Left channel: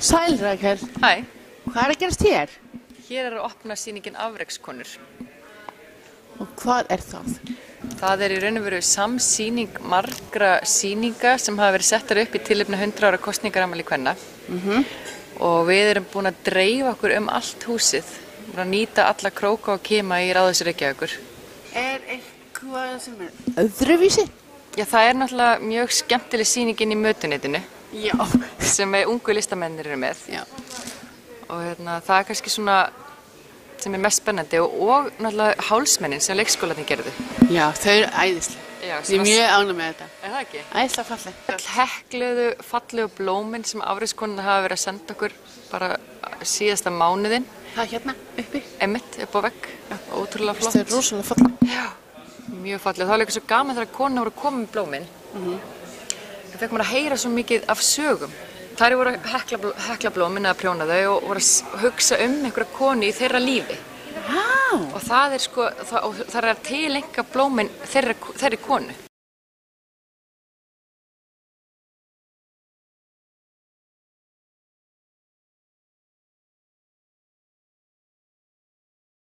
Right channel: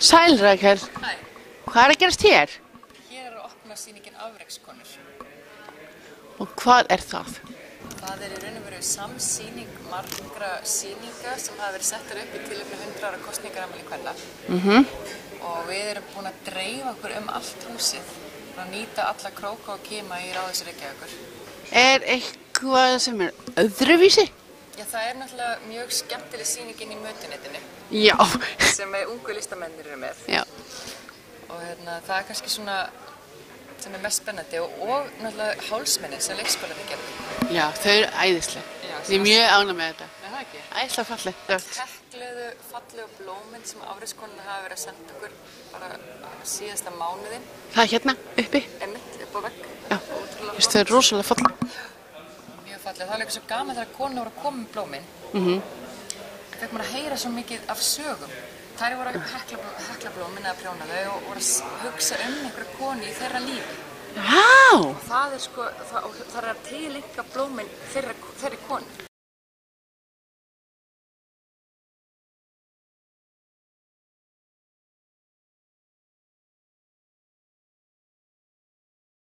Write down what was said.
Sæl, Rakel. Hæ, Hvað að gerast hér? hér er að opna sýningin Afrekskonur. Og hvað er það? Það er í raun og veru samsýning margra sýninga sem hafa verið settar upp í tilefni 100 ára kosningaramæli kvenna. Og við erum búin að dreifa okkur allt húsið, bara að nýta alla króka og kima í Ráðhúsi Reykjavíkur. Er eitthvað sem er öðruvísi? Já, það er náttúrulega mjög skemmtileg sýningin í mötuneytinu Já. sem ungu listamennir eru með. Já. Og það er kannski svona sem er mest spennandi og náttúrulega hálsmennin sem leikskólarnir gerðu. Já, þau eru æðisleg. Já, Ég er mjög ánægð með þetta. Er það ekki? Æðislega falleg. Öll hekluðu, fallegu blómin sem Afrekskonurnar hafa verið að senda okkur bara síðasta mánuðinn. Það er hérna uppi. Einmitt, upp á vegg. Já. Ótrúlega flott. Þau eru rosalega falleg. Já, mjög falleg. Það var líka svo gaman þegar konur voru að koma með blómin. Það fekk maður að heyra svo mikið af sögum. Þær voru að hekla blómin eða prjóna þau og voru að hugsa einhverja konu í þeirra lífi. Vá! Og það er sko, það er að tilenga blómin þeirri konu.